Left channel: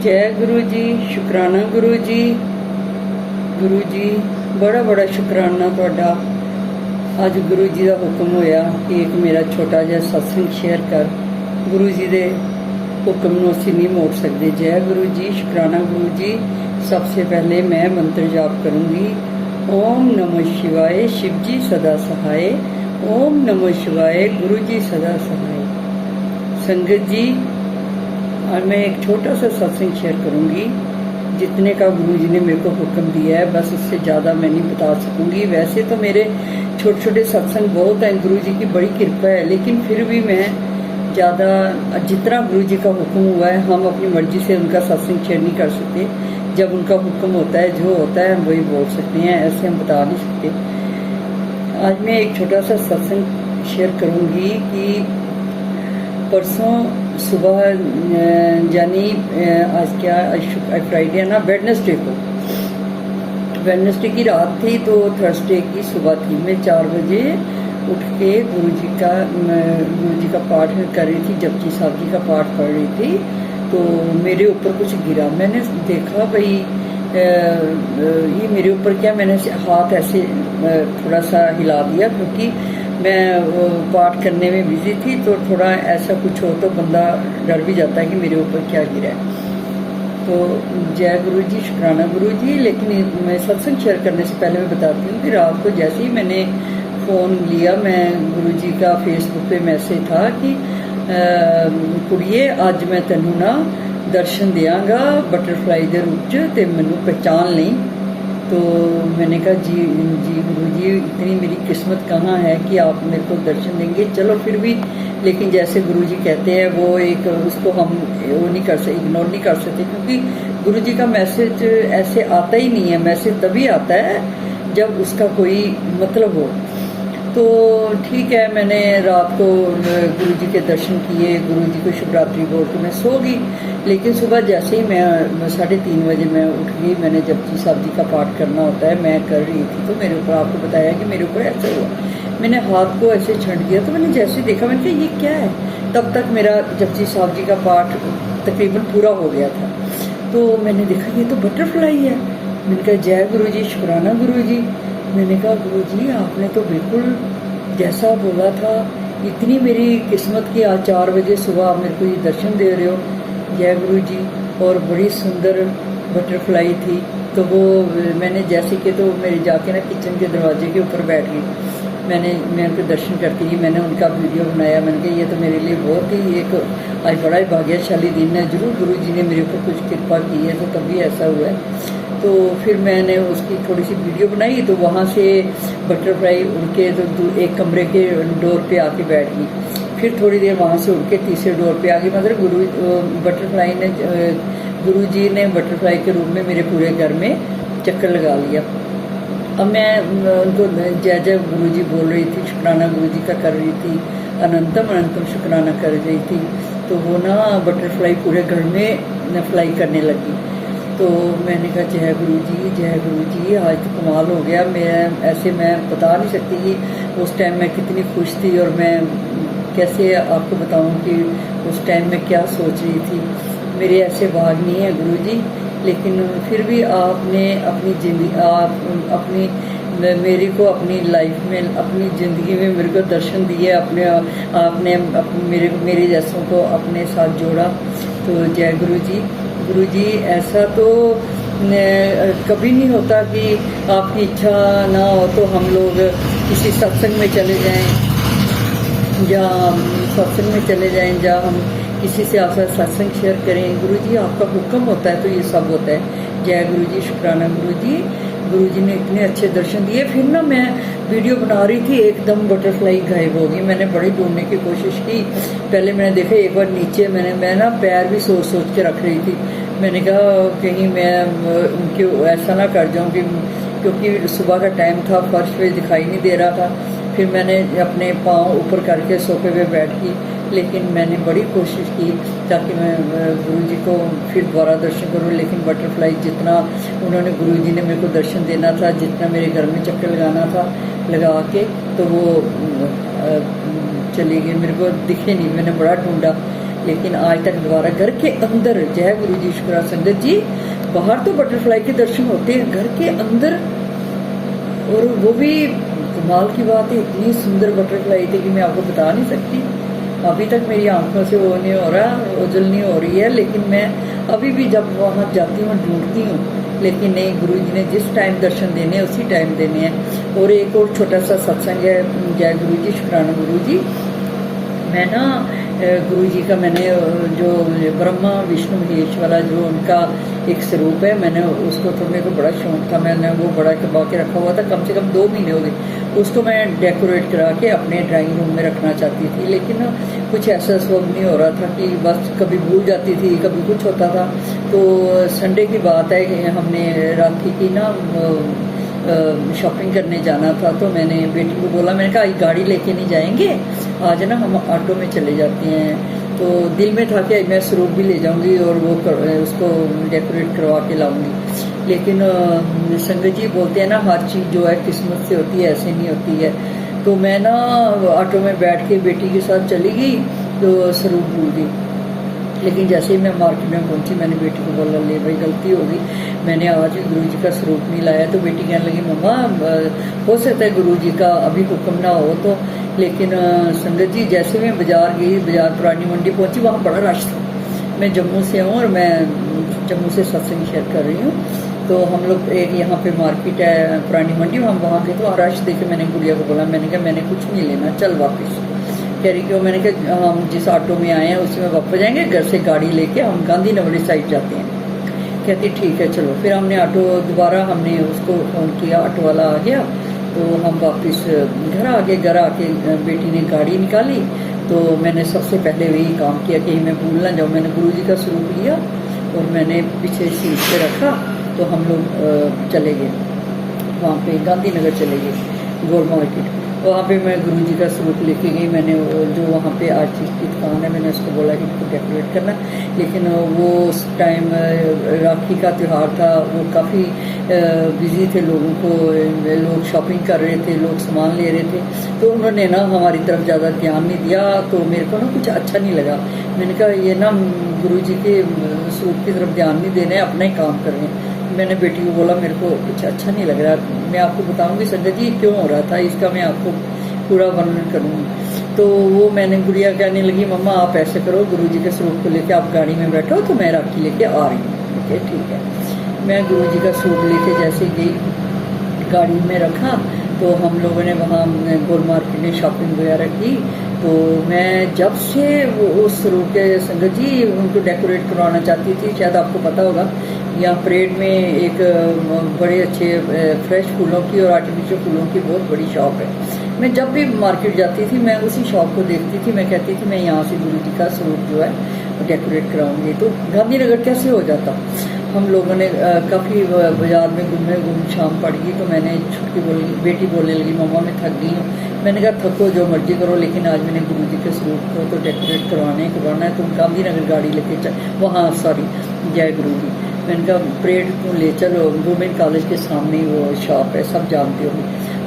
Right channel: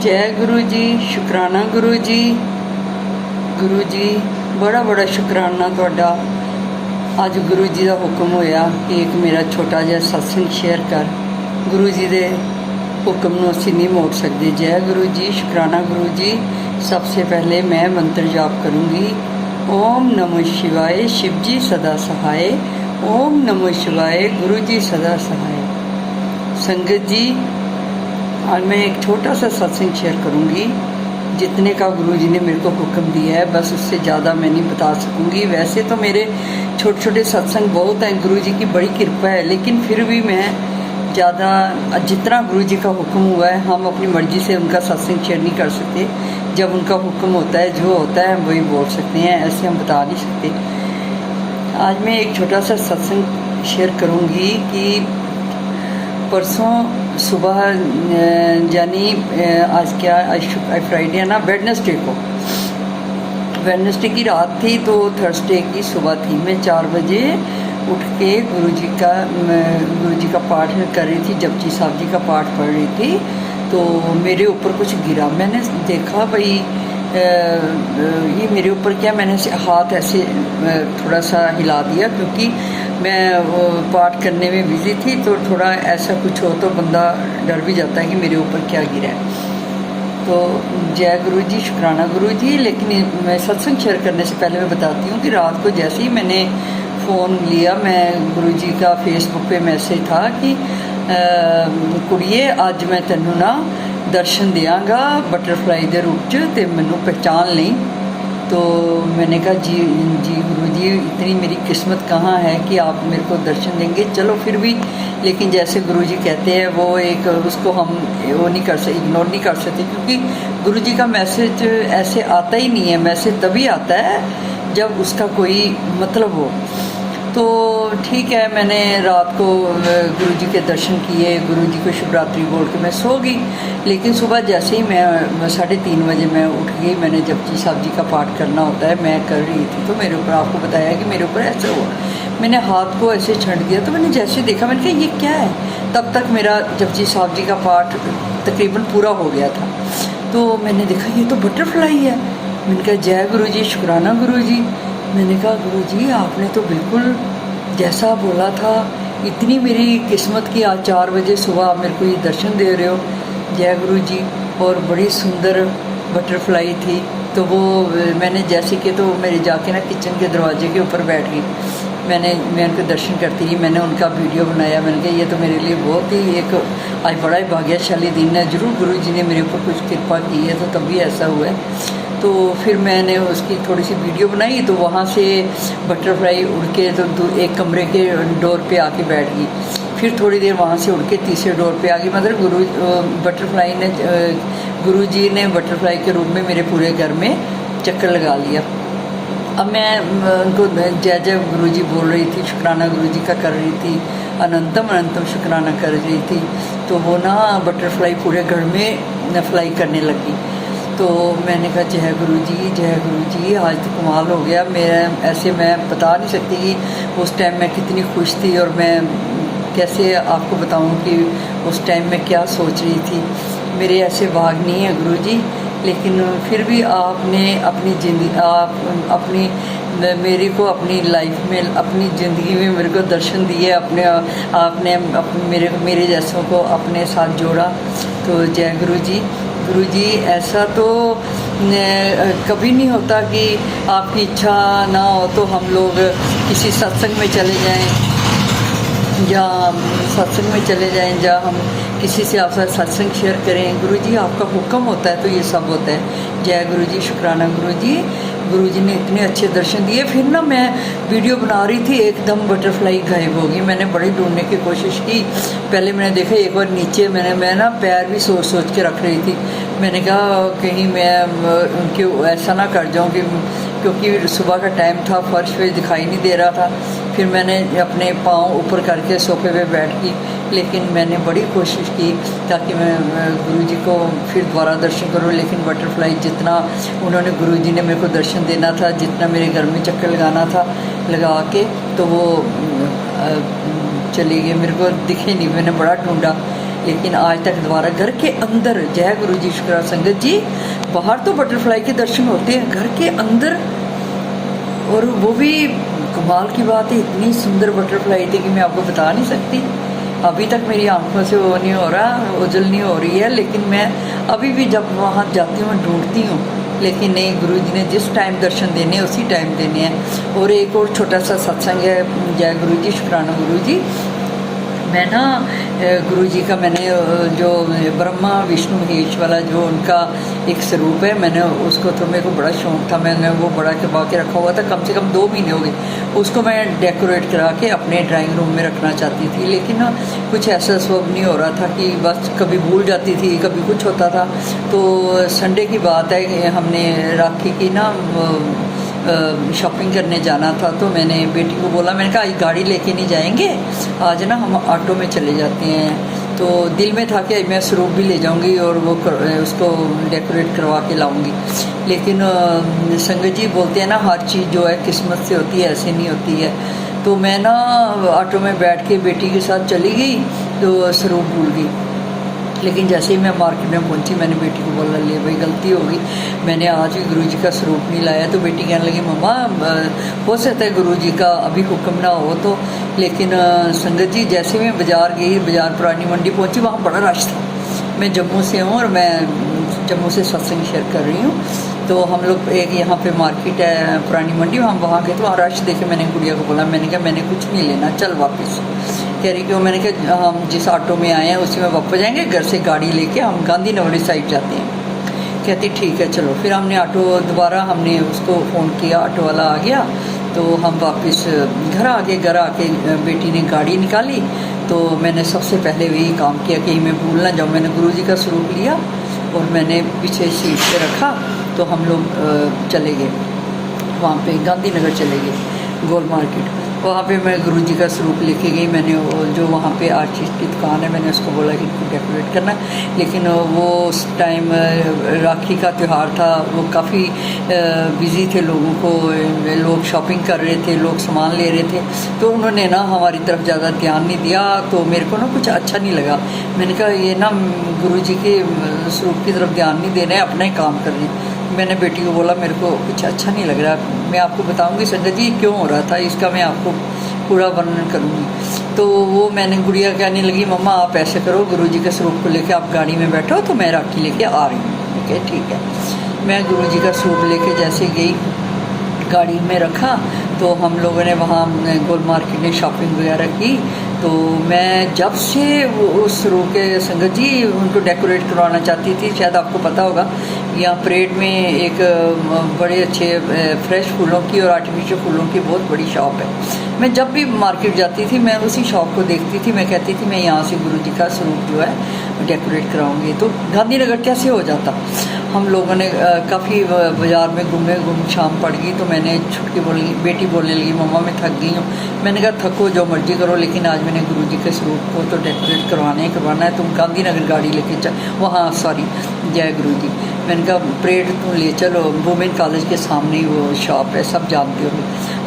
जय गुरु जी, शुकराना गुरु जी। गुरु जी बड़ा बड़ा शुकराना तुहाडा। अज गुरु जी का हुक्म होया कि एक मेरा छोटा जिहा सत्संग शेयर कर। गुरु जी के हुक्म नूं असीं नहीं मोड़ सकते। जय गुरु जी, शुकराना गुरु जी। सबसे पहले मैं मंत्र जाप करूँगी। ओम नमः शिवाय, शिव जी सदा सहाय। ओम नमः शिवाय, गुरु जी सदा सहाय। संगत जी, आज मैं एक छोटा सा सत्संग शेयर करूँगी। जितने का गुरु जी ने मेरे को हुक्म दिया है, बस उससे ज़्यादा मैं नहीं बता सकूँगी। वैसे तो मेरे छोटे छोटे सत्संग बहुत हैं, गुरु जी की बड़ी कृपा है, लेकिन फिर भी मैं ज़्यादा जितना गुरु जी का हुक्म हुआ है, हम अपनी मर्ज़ी से उनका सत्संग शेयर नहीं कर सकते। जब उनका हुक्म होता है, जो होता है हम वही बोल सकते हैं, ऐसे हम बता नहीं सकते। आज मैं एक छोटा सा सत्संग शेयर करूँगी कि परसों सुबह यानी आज क्या, आज फ्राइडे है ना, वेडनेसडे की रात थी, तो थर्सडे की सुबह थी। मैं 4 बजे उठ के गुरु जी का पाठ कर रही थी, जपजी साहब जी का पाठ पढ़ रही थी। तो मेरे ऊपर कुछ गिरा। मैंने देखा भाई ये मेरे ऊपर क्या, मैंने हाथ ऐसे थोड़ा सा हिला दिया, क्योंकि मैं पाठ करने में बिजी थी। तो थोड़ा ऐसा कुछ हो तो बंदा डर भी जाता है कि मेरे ऊपर क्या गिरा है। तो जय गुरु जी, शुकराना गुरु जी। लेकिन मैं सत्संग शेयर करने से पहले मैं बताती हूँ कि रात को जैसे ही मैंने फ़ोन लिया, मैं गुरु जी का फेसबुक पे मैसेज था कि कुड़िए अज मैं तेनों ना दर्शन देंगा बटरफ्लाई के रूप च, ते मैनू पहचान ली। तो मैंने कहा जी गुरु जी, इतनी मेरी किस्मत कहाँ है कि आप मेरे को दर्शन देंगे। चलो फिर भी, लेकिन जैसे गुरु जी कहते हैं वो एक, उसको हम वो नहीं कर सकते, इग्नोर नहीं कर सकते, क्योंकि गुरु जी का मैसेज ऐसे आता ही नहीं है। मैसेज तभी आता है जब उसका कोई मतलब हो। तो ठीक है, मैंने रात को गुरु जी के दर्शन किए, गुरु जी को शिवरात्रि बोल के मैं सो गई। लेकिन सुबह जैसे ही मैं 3:30 बजे मैं उठ गई। मैंने जपजी साहब जी का पाठ करना होता है, मैं कर रही थी। तो मेरे ऊपर, आपको बताया कि मेरे ऊपर ऐसा हुआ, मैंने हाथ को ऐसे छंट दिया। तो मैंने जैसे देखा, मैंने कहा ये क्या है। तब तक मेरा जपजी साहब जी का पाठ तकरीबन पूरा हो गया था। तो मैंने देखा ये तो बटरफ्लाई है। मैंने कहा जय गुरु जी, शुकराना गुरु जी। मैंने कहा गुरु जी, आपने तो बिल्कुल जैसा बोला था, इतनी मेरी किस्मत की आज 4 बजे सुबह मेरे को ये दर्शन दे रहे हो। जय गुरु जी। और बड़ी सुंदर बटरफ्लाई थी। तो वो मैंने जैसे कि, तो मेरे जाके ना किचन के दरवाजे के ऊपर बैठ गई। मैं उनके दर्शन करती रही। मैंने उनका वीडियो बनाया। मैंने कहा ये तो मेरे लिए बहुत ही एक आज बड़ा ही भाग्यशाली दिन है। जरूर गुरु जी ने मेरे ऊपर कुछ कृपा की है, तो तभी ऐसा हुआ है। तो फिर मैंने उसकी थोड़ी सी वीडियो बनाई। तो वहाँ से बटरफ्लाई उड़ के तो एक कमरे के डोर पे आके बैठ गई। फिर थोड़ी देर वहाँ से उड़ के तीसरे डोर पे आ गई। मतलब गुरु जी ने बटरफ्लाई के रूप में मेरे पूरे घर में चक्कर लगा लिया। अब मैं उनको जय जय गुरु जी बोल रही थी, शुकराना गुरु जी का कर रही थी, अनंतम शुकराना कर रही थी। तो वो ना बटरफ्लाई पूरे घर में फ्लाई करने लगी। तो मैंने कहा जय गुरु जी, आज तो कमाल हो गया। मैं बता नहीं सकती कि उस टाइम मैं कितनी खुश थी, और मैं कैसे आपको बताऊं कि उस टाइम मैं क्या सोच रही थी। मेरे ऐसे भाग नहीं है गुरु जी, लेकिन फिर भी आपने अपनी ज़िंदगी, मेरे को अपनी लाइफ में, अपनी ज़िंदगी में मेरे को दर्शन दिए। आपने मेरे जैसों को अपने साथ जोड़ा। तो जय गुरु जी। गुरु जी, ऐसा तो कभी नहीं होता कि आपकी इच्छा ना हो तो हम लोग किसी सत्संग में चले जाएं, या हम किसी से आपका सत्संग शेयर करें। गुरु जी, आपका हुक्म होता है तो ये सब होता है। जय गुरु जी, शुकराना गुरु जी। गुरु जी ने इतने अच्छे दर्शन दिए। फिर ना मैं वीडियो बना रही थी, एकदम बटरफ्लाई गायब हो गई। मैंने बड़ी ढूंढने की कोशिश की। पहले मैंने देखा एक बार नीचे, मैं ना पैर भी सोच के रख रही थी। मैंने कहा कहीं मैं क्यों ऐसा ना कर जाऊँ, क्योंकि सुबह का टाइम था, फर्श पे दिखाई नहीं दे रहा था। फिर मैंने अपने पाँव ऊपर करके सोफे पे बैठ गई। लेकिन मैंने बड़ी कोशिश की ताकि मैं गुरु जी को फिर दोबारा दर्शन करूं। लेकिन बटरफ्लाई जितना उन्होंने, गुरु जी ने मेरे को दर्शन देना था, जितना मेरे घर में चक्कर लगाना था लगा के, तो वो चली गई। मेरे को दिखे नहीं। मैंने बड़ा ढूंढा, लेकिन आज तक दोबारा घर के अंदर, जय गुरु जी शुक्र संगत जी, बाहर तो बटरफ्लाई के दर्शन होते हैं, घर के अंदर, और वो भी कमाल की बात है, इतनी सुंदर बटरफ्लाई थी कि मैं आपको बता नहीं सकती। अभी तक मेरी आंखों से वो नहीं हो रहा, ओझल नहीं हो रही है, लेकिन मैं अभी भी जब वहाँ जाती हूँ मैं ढूंढती हूँ, लेकिन नहीं, गुरु जी ने जिस टाइम दर्शन देने हैं उसी टाइम देने हैं। और एक और छोटा सा सत्संग है, जय गुरु जी शुक्राना गुरु जी। मैं ना गुरु जी का मैंने जो ब्रह्मा विष्णु महेश वाला जो उनका एक स्वरूप है, मैंने उसको, तो मेरे को बड़ा शौक था, मैंने वो बड़ा करवा के रखा हुआ था, कम से कम 2 महीने हो गए। उसको मैं डेकोरेट करा के अपने ड्राइंग रूम में रखना चाहती थी, लेकिन कुछ ऐसा स्वभाव नहीं हो रहा था कि बस कभी भूल जाती थी, कभी कुछ होता था। तो संडे की बात है कि हमने राखी की ना शॉपिंग करने जाना था, तो मैंने बेटी को बोला, मैंने कहा आज गाड़ी लेके नहीं जाएंगे, आज ना हम ऑटो में चले जाते हैं। तो दिल में था कि मैं स्वरूप भी ले जाऊंगी और वो उसको डेकोरेट करवा के लाऊंगी, लेकिन संगत जी बोलते हैं ना, हर चीज़ जो है किस्मत से होती है, ऐसे नहीं होती है। तो मैं ना ऑटो में बैठ के बेटी के साथ चली गई, तो स्वरूप भूल गई। लेकिन जैसे ही मैं मार्केट में पहुंची, मैंने बेटी को बोला, ले भाई गलती हो गई, मैंने आज भी गुरु जी का स्वरूप नहीं लाया। तो बेटी कहने लगी, मम्मा हो सकता है गुरु जी का अभी हुक्म ना हो तो, लेकिन संगत जी जैसे मैं बाज़ार गई, बाज़ार पुरानी मंडी पहुंची, वहाँ बड़ा रश था। मैं जम्मू से हूँ और मैं जम्मू से सत्संग शेयर कर रही हूँ। तो हम लोग एक यहाँ पे मार्केट है पुरानी मंडी, हम वहाँ गए तो रश देखे, मैंने गुड़िया को बोला, मैंने कहा मैंने कुछ नहीं लेना, चल वापस। कह रही क्यों? मैंने कहा हम जिस ऑटो में आए हैं उसी में वापस जाएंगे, घर से गाड़ी लेके हम गांधीनगर साइड जाते हैं। कहती ठीक है चलो। फिर हमने ऑटो दोबारा हमने उसको फ़ोन किया, ऑटो वाला आ गया, तो हम वापस घर आ गए। घर आके बेटी ने गाड़ी निकाली, तो मैंने सबसे पहले वही काम किया कि मैं भूल ना जाऊँ। मैंने गुरु जी का स्वरूप लिया और मैंने पीछे सीट पे रखा, तो हम लोग चले गए वहाँ पे, गांधीनगर चले गए गोल मार्केट। वहाँ पे मैं गुरु जी का स्वरूप लेके गई। मैंने वो जो वहाँ पे आर्टिस्ट की दुकान है, मैंने उसको बोला कि इनको डेकोरेट करना, लेकिन वो उस टाइम राखी का त्यौहार था, वो काफ़ी बिज़ी थे, लोगों को, लोग शॉपिंग कर रहे थे, लोग सामान ले रहे थे, तो उन्होंने ना हमारी तरफ ज़्यादा ध्यान नहीं दिया। तो मेरे को ना कुछ अच्छा नहीं लगा। मैंने कहा ये ना गुरु जी के स्वरूप की तरफ ध्यान नहीं दे रहे हैं, अपना ही काम कर रहे हैं। मैंने बेटी को बोला मेरे को कुछ अच्छा नहीं लग रहा, मैं आपको बताऊंगी संगत जी क्यों हो रहा था, इसका मैं आपको पूरा वर्णन करूंगी। तो वो मैंने गुड़िया कहने लगी, मम्मा आप ऐसे करो, गुरु जी के स्वरूप को लेके आप गाड़ी में बैठो, तो मैं राखी लेके आ रही हूँ। ठीक है। मैं गुरु जी का स्वरूप लेके जैसे गई, गाड़ी में रखा, तो हम लोगों ने वहाँ गोल मार्केट में शॉपिंग वगैरह की। तो मैं जब से उस स्वरूप के संगत जी उनको डेकोरेट करवाना चाहती थी, शायद आपको पता होगा, यहाँ परेड में एक बड़े अच्छे फ्रेश फूलों की और आर्टिफिशियल फूलों की बहुत बड़ी शॉप है। मैं जब भी मार्केट जाती थी, मैं उसी शॉप को देखती थी, मैं कहती थी मैं यहाँ से गुरु जी का स्वरूप जो है डेकोरेट कराऊंगी। तो गांधीनगर कैसे हो जाता। हम लोगों ने काफ़ी बाज़ार में घूमे, शाम पड़ गई, तो मैंने छुटकी बोली, बेटी बोलने लगी, मम्मा मैं थक गई हूँ। मैंने कहा थको जो मर्जी करो, लेकिन आज मैंने गुरु जी के स्वरूप को तो डेकोरेट करवाना है, तुम गांधीनगर गाड़ी लेके चल, वहाँ सॉरी जय गुरु जी। मैंने कहा परेड तुम ले चलो, वुमेन कॉलेज के सामने वो शॉप है, सब जानते हो।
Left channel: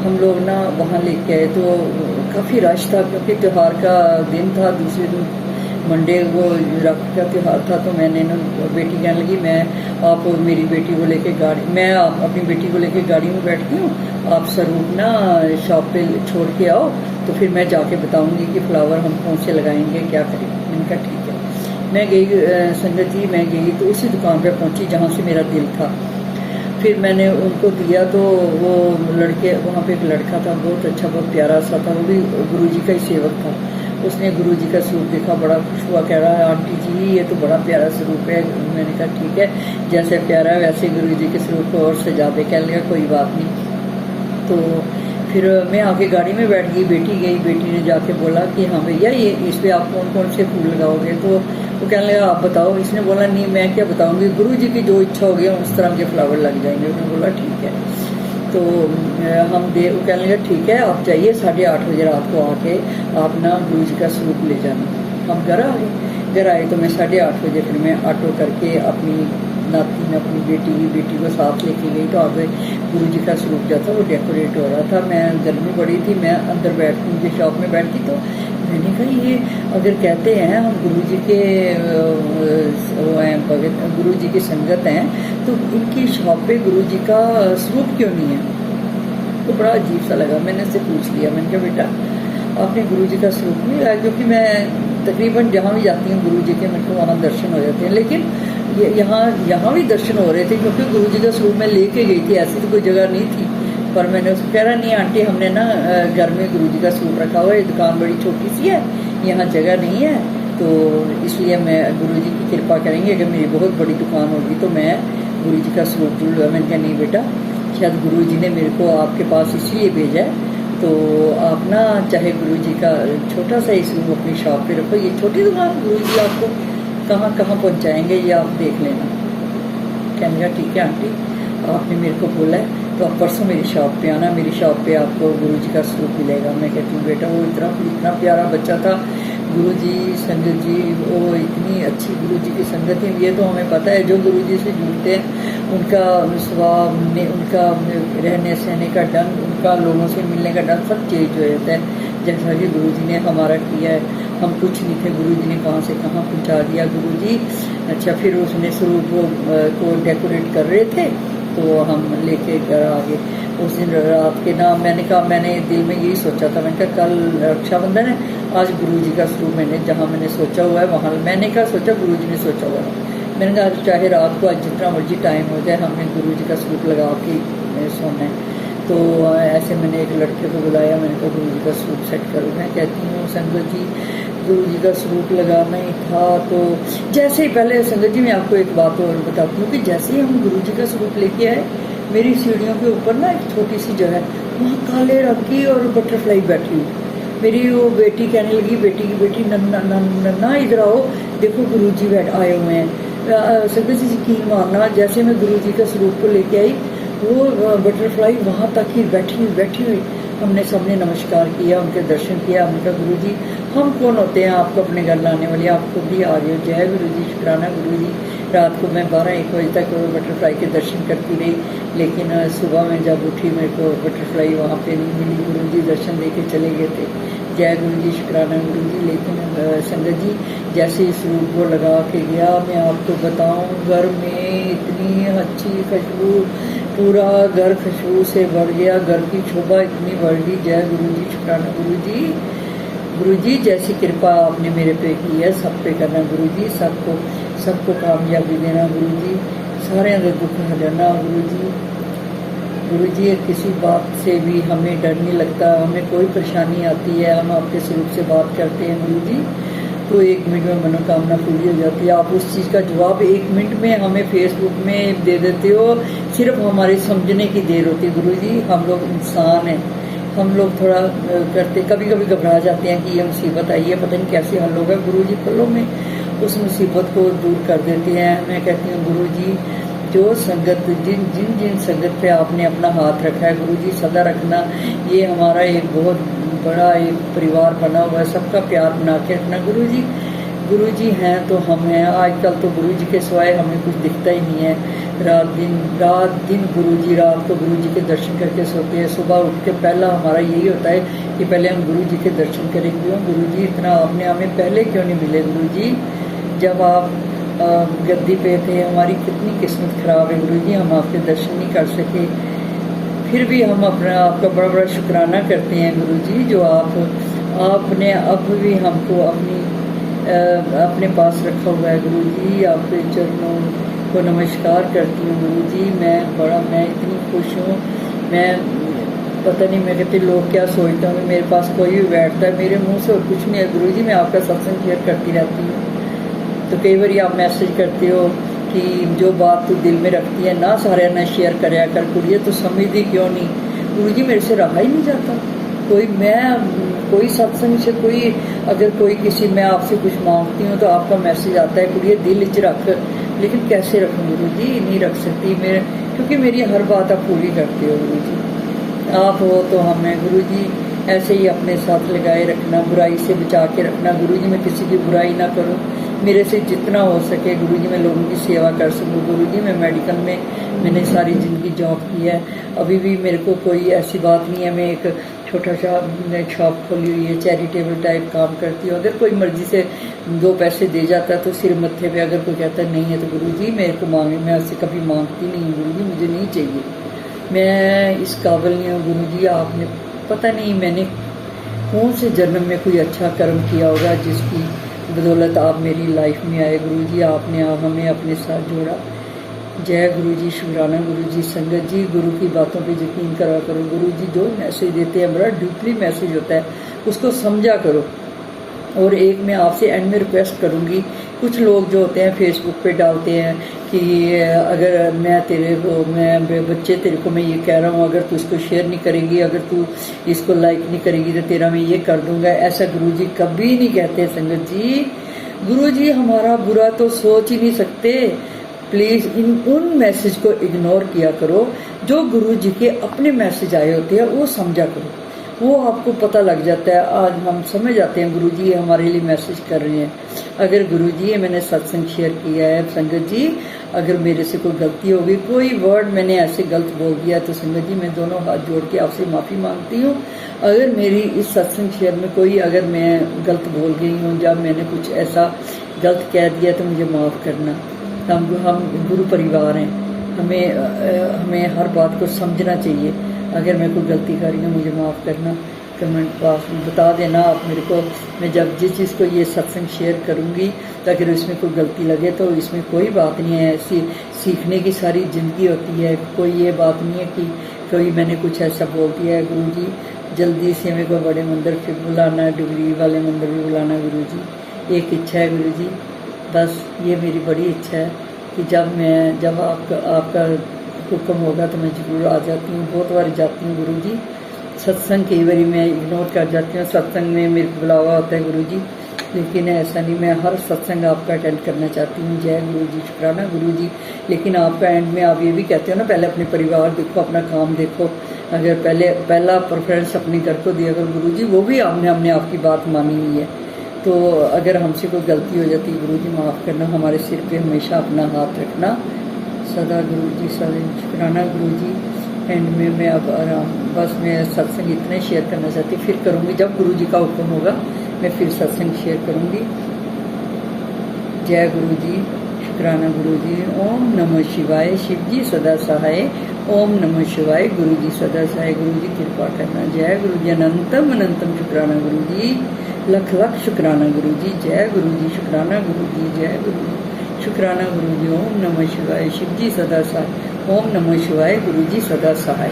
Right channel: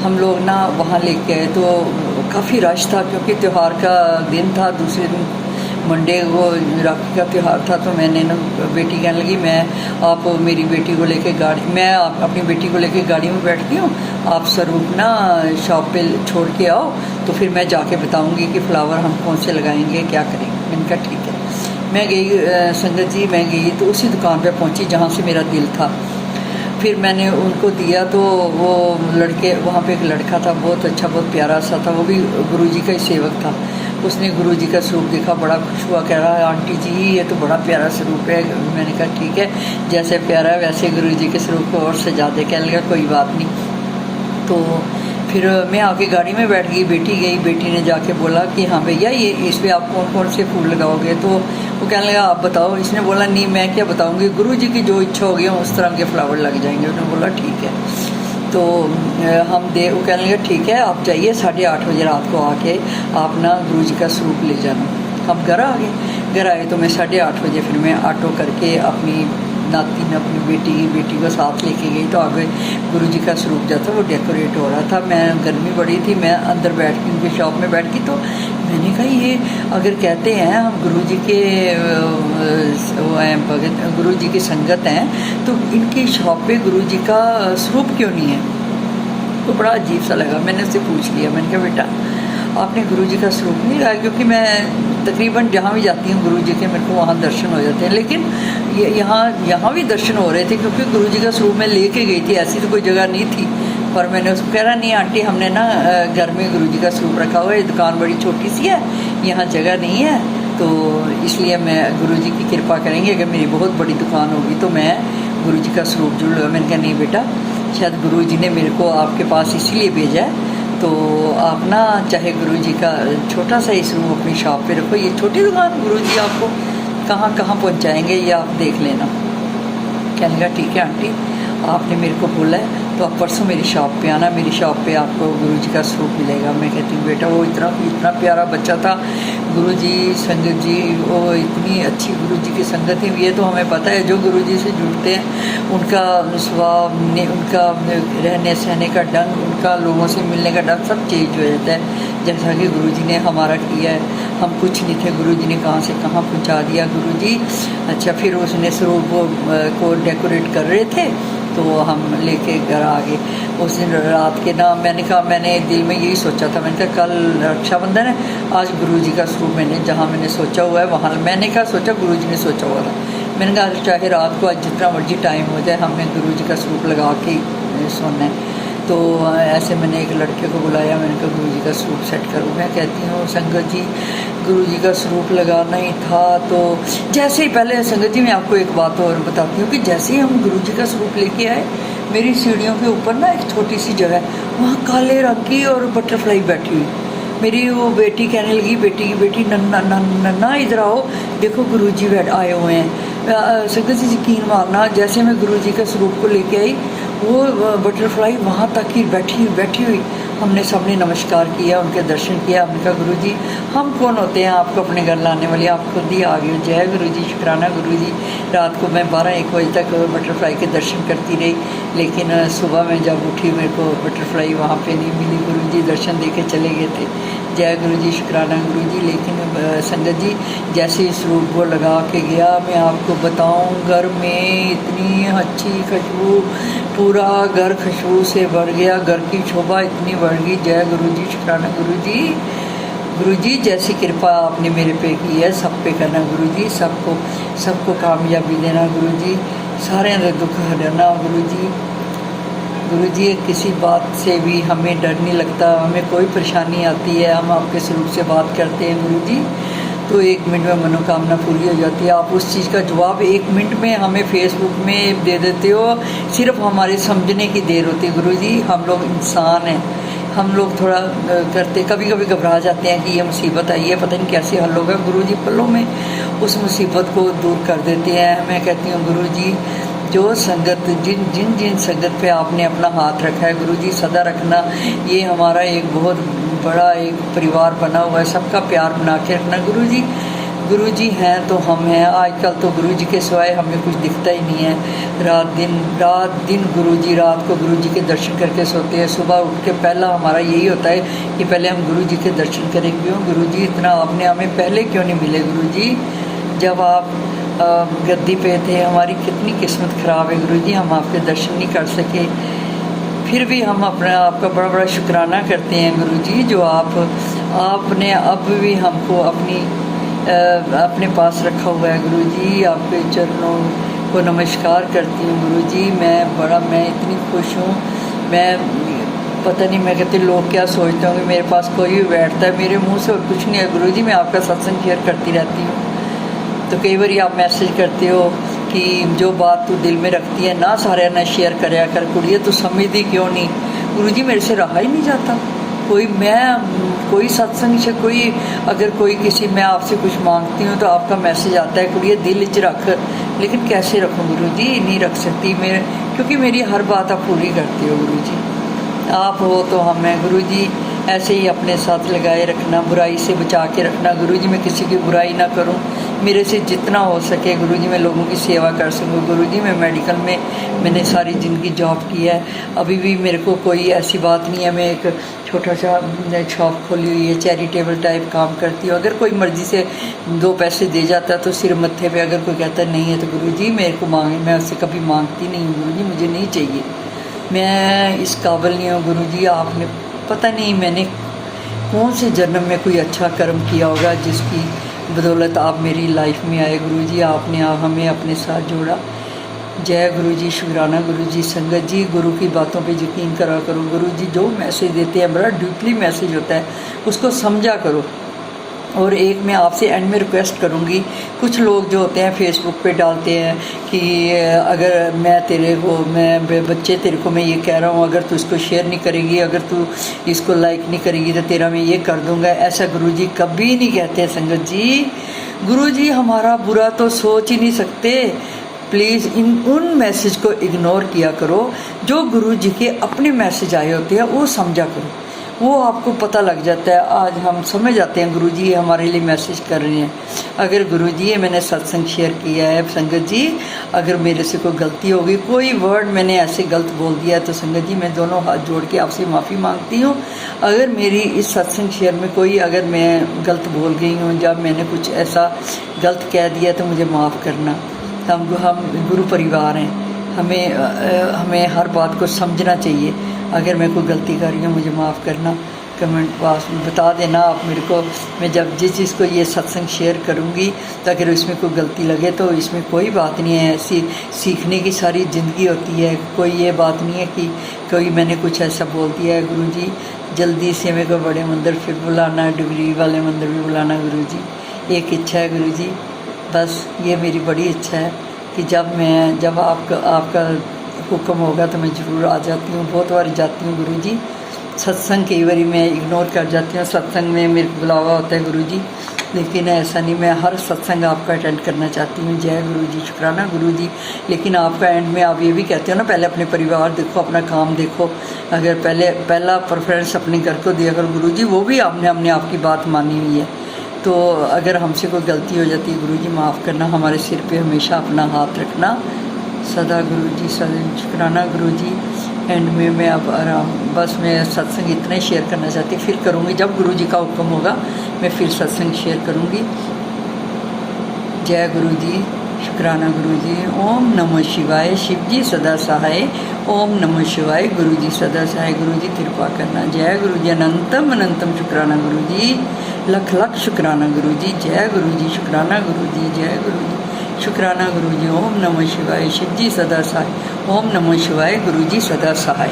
हम लोग ना वहाँ लेके आए, तो काफ़ी रश था, क्योंकि त्यौहार का दिन था, दूसरे दिन मंडे को राखी का त्यौहार था। तो मैंने ना बेटी कहने लगी, मैं आप मेरी बेटी को लेके गाड़ी, मैं अपनी बेटी को लेके गाड़ी में बैठती हूँ, आप स्वरूप ना शॉप पे छोड़ के आओ, तो फिर मैं जाके बताऊँगी कि फ्लावर हम कौन से लगाएंगे, क्या करेंगे। मैंने कहा ठीक है। मैं गई संगत जी, मैं गई तो उसी दुकान पे पहुँची जहाँ से मेरा दिल था। फिर मैंने उनको दिया, तो वो लड़के, वहाँ पे एक लड़का था, बहुत अच्छा, बहुत प्यारा सा था, वो भी गुरु जी का ही सेवक था। उसने गुरु जी का स्वरूप देखा, बड़ा खुश हुआ, कह रहा है आंटी जी ये तो बड़ा प्यारा स्वरूप है। मैंने कहा ठीक है, जैसे प्यारा है वैसे गुरु जी के स्वरूप को और सजा दे। कहने लगा कोई बात नहीं। तो फिर मैं आके गाड़ी में बैठ गई, बेटी गई, बेटी ने जाके बोला कि हाँ भैया ये इस पर आप कौन कौन से फूल लगाओगे। तो वो कहने लगा आप बताओ। इसने बोला नहीं मैं क्या बताऊँगी, गुरु जी की जो इच्छा होगी उस तरह के फ्लावर लग जाएंगे। उन्होंने बोला ठीक है। तो वो कहने लगा ठीक है, आप जाइए 8:30 बजे रात को आके आप ना गुरु जी का स्वरूप ले जाना। हम घर आ गए। घर आए तो मैं 8:30 बजे फिर मैं ऑटो करके अपनी नाती ने अपनी बेटी को साथ लेके गई। तो आगे गुरु जी का स्वरूप जो था वो डेकोरेट हो रहा था। मैं गर्मी बड़ी थी, मैं अंदर बैठ के उनकी शॉप में बैठ गई। तो मैंने कहा ये अगर कहते हैं हम गुरु जी के वो हैं भगत, गुरु जी की संगत हैं, तो इनकी शॉप पे गुरु जी का स्वरूप क्यों नहीं है? तो बड़ा अजीब सा लगा। मैंने उससे पूछ लिया, मैंने कहा बेटा आपने गुरु जी का स्वरूप नहीं लगाया? क्योंकि मैं तकरीबन जहाँ भी जाती हूँ गुरु जी के मेरे को वहाँ दर्शन हो जाते हैं, लेकिन यहाँ भी दर्शन हो रहे थे क्योंकि गुरु जी का स्वरूप मैं लेके गई थी, ऐसी तो कोई जगह नहीं थी। पर मैंने उसको कह रहा नहीं आंटी, हमने ना घर में गुरु जी का स्वरूप रखा हुआ है, दुकान बड़ी छोटी सी है, यहाँ जगह नहीं है, तो इसलिए मैं गुरु जी की कृपा करेंगे, अगर मेरी बहुत बड़ी दुकान होगी तो मैं गुरु जी का स्वरूप जरूर लगा। मैंने कहा नहीं बेटा, शायद गुरु जी ने मेरे को आपके पास इसीलिए भेजा है, तो आप ना चाहे गुरु जी का छोटा सा ही स्वरूप अपनी शॉप पे रखो, ये छोटी दुकान गुरु जी आपको कहाँ कहाँ पहुँचाएँगे ये आप देख लेना। कहने लगा ठीक है आंटी, आपने मेरे को बोला है तो आप परसों मेरी शॉप पे आना, मेरी शॉप पे आपको गुरु जी का स्वरूप मिलेगा। मैं कहती हूँ बेटा वो इतना प्यारा बच्चा था, गुरु जी संगत जी, वो इतनी अच्छी गुरु जी की संगत है। ये तो हमें पता है जो गुरु जी से जुड़ते हैं उनका स्वभाव, उनका रहने सहने का ढंग, उनका लोगों से मिलने का ढंग सब चेंज हो जाता है, जैसा कि गुरु जी ने हमारा किया है। हम कुछ नहीं थे, गुरु जी ने कहाँ से कहाँ पहुँचा दिया गुरु जी। अच्छा फिर उसने स्वरूप को डेकोरेट कर रहे थे तो हम लेके घर आ गए। उस दिन रात के ना मैंने कहा, मैंने दिल में यही सोचा था, मैंने कहा कल रक्षाबंधन है, आज गुरु जी का स्वरूप मैंने जहाँ मैंने सोचा हुआ है वहाँ मैंने क्या सोचा, गुरु जी ने सोचा हुआ था। मैंने कहा चाहे रात को आज जितना मर्जी टाइम हो जाए हमें गुरु जी का स्वरूप लगा के सोना है। तो ऐसे मैंने एक लड़के को बुलाया, मैंने कहा गुरु जी का स्वरूप सेट करूँ। मैं कहती हूँ संगत जी गुरु जी का स्वरूप लगाना ही था। तो जैसे ही पहले संगत जी मैं आपको एक बात और बताती हूँ कि जैसे ही हम गुरु जी का स्वरूप लेके आए, मेरी सीढ़ियों के ऊपर ना एक छोटी सी जगह है, वहाँ काले रंग की और बटरफ्लाई बैठी हुई। मेरी वो बेटी कहने लगी, बेटी की बेटी नन्ना नन्ना नन्ना इधर आओ देखो गुरु जी आए हुए हैं। संगत जी यकीन मारना, जैसे मैं गुरु जी के स्वरूप को लेके आई वो बटरफ्लाई वहाँ तक ही बैठी हुई। हमने सबने नमस्कार किया, उनके दर्शन किया। हमने कहा गुरु जी हम कौन होते हैं आपको अपने घर लाने वाले, आप खुद ही आ गए। जय गुरु जी, शुक्राना गुरु जी। रात को मैं 12-1 बजे तक बटरफ्लाई के दर्शन करती रही, लेकिन सुबह में जब उठी मेरे को बटरफ्लाई वहाँ पे नहीं मिली। गुरु जी दर्शन दे के चले गए थे। जय गुरु जी, शुक्राना गुरु जी। लेकिन संगत जी जैसे इस रूप को लगा के गया, मैं आपको बताऊं घर में इतनी अच्छी खुशबू, पूरा घर खुशबू से भर गया, घर की शोभा इतनी बढ़ गई। जय गुरु जी, शुक्राना गुरु जी। गुरु जी जैसी कृपा आपने मेरे पे की है सब पे करना गुरु जी, सबको कामयाबी देना गुरु जी, सारे दुख हटाना गुरु जी। गुरु जी किसी बात से भी हमें डर नहीं लगता, हमें कोई परेशानी आती है हम आपके स्वरूप से बात करते हैं गुरु जी, तो 1 मिनट में मनोकामना पूरी हो जाती है। आप उस चीज़ का जवाब 1 मिनट में हमें फेसबुक में दे देते हो, सिर्फ हमारे समझने की देर होती है गुरु जी। हम लोग इंसान हैं, हम लोग थोड़ा करते कभी कभी घबरा जाते हैं कि ये मुसीबत आई है, पता नहीं कैसे हल होगा। गुरु जी पलों में उस मुसीबत को दूर कर देते हैं। मैं कहती हूँ गुरु जी जो संगत जिन संगत पे आपने अपना हाथ रखा है गुरु जी सदा रखना। ये हमारा एक बहुत बड़ा एक परिवार बना हुआ है, सबका प्यार बना के रखना गुरु जी। गुरु जी हैं तो हम हैं। आजकल तो गुरु जी के सिवाय हमें कुछ दिखता ही नहीं है। रात दिन गुरु जी, रात को गुरु जी के दर्शन करके सोते हैं। सुबह उठ के पहला हमारा यही होता है कि पहले हम गुरु जी के दर्शन करेंगे। गुरु जी इतना आपने हमें पहले क्यों नहीं मिले गुरु जी, जब आप गद्दी पे थे। हमारी कितनी किस्मत ख़राब है गुरु जी, हम आपके दर्शन नहीं कर सके। फिर भी हम आपका बड़ा बड़ा शुक्राना करते हैं गुरु जी, जो आपने अब भी हमको अपने पास रखा हुआ है गुरु जी। आपके चरणों को नमस्कार करती हूँ गुरु जी। मैं इतनी खुश हूँ। मैं पता नहीं, मैं कहती लोग क्या सोचते होंगे, मेरे पास कोई भी बैठता है मेरे मुंह से और कुछ नहीं है गुरु जी। मैं आपका सत्संग शेयर करती रहती हूँ, तो कई बार आप मैसेज करते हो कि जो बात तू दिल में रखती है ना सारे ना शेयर कराया कर कुड़िए, तो समझती क्यों नहीं गुरु जी। मेरे से रहा ही नहीं जाता कोई सत्संग से अगर कोई किसी मैं आपसे कुछ मांगती हूँ तो आपका मैसेज आता है कुड़िए दिल च रख, लेकिन कैसे रखूँ गुरु जी, नहीं रख सकती क्योंकि मेरी हर बात आप पूरी करते हो गुरु जी। आप हो तो हम हैं गुरु जी। ऐसे ही अपने साथ लगाए रखना, बुराई से बचा के रखना। गुरुजी मैं किसी की बुराई ना करूं, मेरे से जितना हो सके गुरुजी मैं लोगों की सेवा कर सकूं। गुरुजी मैं मेडिकल में मैंने सारी ज़िंदगी जॉब की है, अभी भी मेरे को कोई ऐसी बात नहीं है। मैं एक छोटा सा शॉप खोली हुई है, चैरिटेबल टाइप काम करती हूँ। अगर कोई मर्ज़ी से 2 पैसे दे जाता है तो सिर मत्थे पे, अगर कोई कहता नहीं है तो गुरुजी मेरे को मांगे, मैं उससे कभी मांगती नहीं हूँ। गुरुजी मुझे नहीं चाहिए, मैं इस काबिल नहीं हूँ। गुरुजी आपने पता नहीं मैंने कौन से जन्म में कोई अच्छा कर्म किया होगा जिसकी बदौलत आप मेरी लाइफ में आए। गुरुजी आपने हमें अपने साथ जोड़ा। जय गुरुजी, शुक्राना गुरुजी। संगत जी गुरु की बातों पे यकीन करा करो। गुरुजी जो मैसेज देते हैं बड़ा डीपली मैसेज होता है, उसको समझा करो। और एक मैं आपसे एंड में रिक्वेस्ट करूँगी, कुछ लोग जो होते हैं फेसबुक पे डालते हैं कि अगर मैं बच्चे तेरे को मैं ये कह रहा हूँ, अगर तू इसको शेयर नहीं करेगी, अगर तू इसको लाइक नहीं करेगी तो तेरा मैं ये कर दूँगा। ऐसा गुरुजी कभी नहीं कहते संगत जी। गुरुजी हमारा बुरा तो सोच ही नहीं सकते। प्लीज़ उन मैसेज को इग्नोर किया करो। जो गुरुजी के अपने मैसेज आए होते हैं वो समझा करो, वो आपको पता लग जाता है। आज हम समझ जाते हैं गुरुजी ये हमारे लिए मैसेज कर रहे हैं। अगर गुरुजी ये मैंने सत्संग शेयर किया है संगत जी, अगर मेरे से कोई गलती हो गई, कोई वर्ड मैंने ऐसे गलत बोल दिया है तो संगत जी मैं दोनों हाथ जोड़ के आपसे माफ़ी मांगती हूँ। अगर मेरी इस सत्संग शेयर में कोई अगर मैं गलत बोल गई हूँ, जब मैंने कुछ ऐसा गलत कह दिया तो मुझे माफ़ करना। हम गुरु परिवार हैं, हमें हर बात को समझना चाहिए। अगर मैं कोई गलती कर रही हूँ मुझे माफ़ करना। कमेंट बॉक्स में बता देना आप मेरे को। मैं जब जिस चीज़ को ये सत्संग शेयर करूँगी तो अगर इसमें कोई गलती लगे तो इसमें कोई बात नहीं है, ऐसी सीखने की सारी ज़िंदगी होती है। कोई ये बात नहीं है कि कोई मैंने कुछ ऐसा बोल दिया है। गुरुजी जल्दी से मेरे को बड़े मंदिर फिर बुलाना, डिग्री वाले मंदिर भी बुलाना। गुरुजी एक इच्छा है गुरुजी, बस ये मेरी बड़ी इच्छा है कि जब आपका हुक्म होगा तो मैं ज़रूर आ जाती हूँ। बहुत बार जाती हूँ गुरुजी। सत्संग कई बार मैं इग्नोर कर जाती हूँ, सत्संग में मेरे बुलावा होता है गुरुजी, लेकिन ऐसा नहीं, मैं हर सत्संग आपका अटेंड करना चाहती हूँ। जय गुरुजी, शुक्राना गुरुजी। लेकिन आपका एंड में आप ये भी कहते हो ना, पहले अपने परिवार देखो, अपना काम देखो। अगर पहला प्रेफरेंस अपने घर को दिया करो गुरुजी, वो भी हमने आपकी बात मानी हुई है। तो अगर हमसे कोई गलती हो जाती है गुरुजी माफ़ करना, हमारे सिर पे हमेशा अपना हाथ रखना सदा। गुरुजी सदा शुक्राना गुरुजी। एंड में मैं अब बस मैं सत्संग इतना ही शेयर करना चाहती, फिर करूँगी जब गुरुजी का हुक्म होगा, मैं फिर सत्संग शेयर करूँगी। जय गुरुजी, शुक्राना गुरुजी। ओम नमः शिवाय, शिव जी सदा सहाय। ओम नमः शिवाय, गुरुजी सदा सहाय। गुरुजी कृपा करना। जय गुरुजी, अनंतम अनंतम शुक्राना गुरुजी, लख लख शुक्राना गुरुजी। जय गुरुजी, शुक्राना गुरुजी। जय गुरुजी, शुक्राना गुरुजी। ओम नमः शिवाय, शिव जी सदा सहाय। ओम नमः शिवाय, गुरुजी सदा सहाय।